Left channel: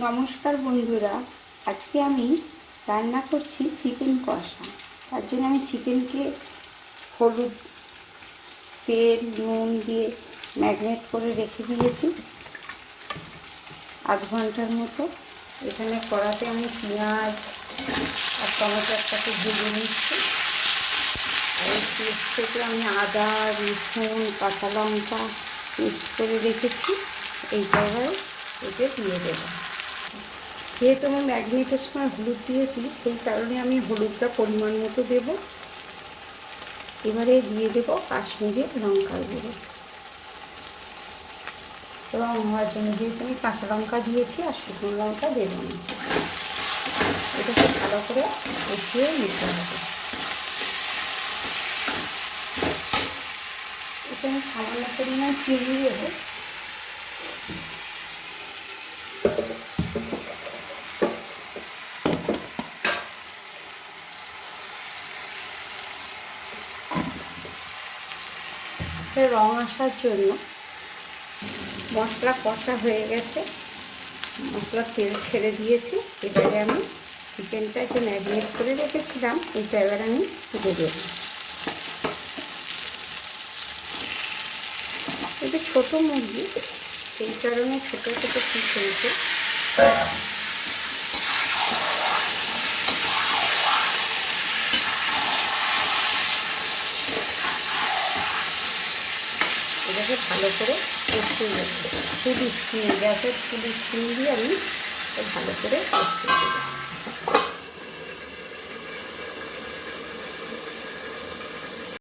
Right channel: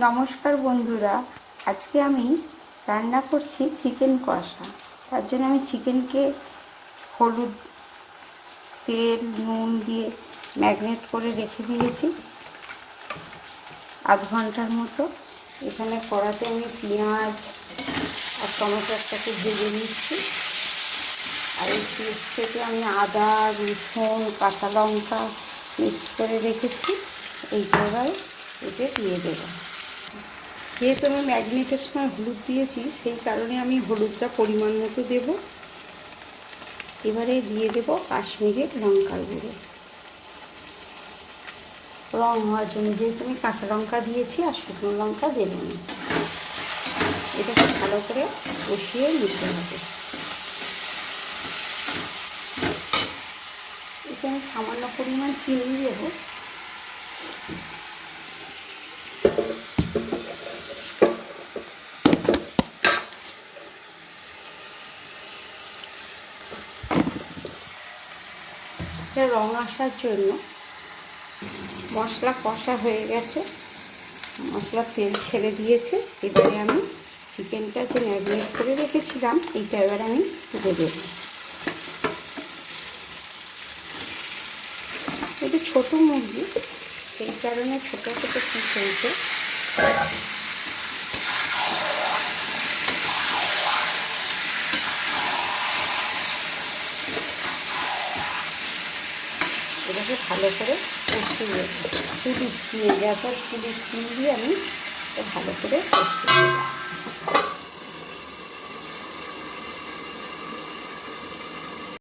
নমস্কার বন্ধুরা, আজকে আমি রান্না করছি চিকেন কষা। তার জন্য আমি চিকেনকে হলুদ, তেল, নুন দিয়ে ম্যারিনেট করে রেখে দিয়েছি আধ ঘন্টার মতো। এখানে কড়াতে আমি পেঁয়াজ আর টমেটো একটাকে ভেজে নিচ্ছি। আর এই পেস্ট থেকে আমি আদা, রসুন, কাঁচা লঙ্কা পেস্ট করে রেখেছি। এইটা এবার এতে দিয়ে দেবো। যেহেতু আমি ম্যারিনেটের সময় হলুদ দিয়েছি, সেই কারণে আমি হলুদটা পরিমাণ মতো দেব। এবারে দিয়ে দেব কাশ্মীরি লঙ্কার গুঁড়ো রং হওয়ার জন্য, যেহেতু আমি কাঁচা লঙ্কা দিয়েছি আর শুকনো লঙ্কা দেব না। এটাকে ভালো করে কষিয়ে নিতে হবে। এখানে সামান্য পরিমাণ চিনি দেব। রং আসার জন্য মশলা কষা হয়ে গেছে, মশলা তেল ছেড়ে দিয়েছে। এবারে আমি চিকেনটা যে ম্যারিনেট করে রেখেছিলাম এইটা এবার আমি দিয়ে দেব। এটা ছোটো মুরগি, সেই কারণে ছোটো ছোটো পিস হয়েছে। এটাকে ভালো করে কষিয়ে নেব। ফুল স্ক্রিন, গ্যাসের ফুল স্ক্রিন দিয়ে আমি ভালো করে কষিয়ে নেব।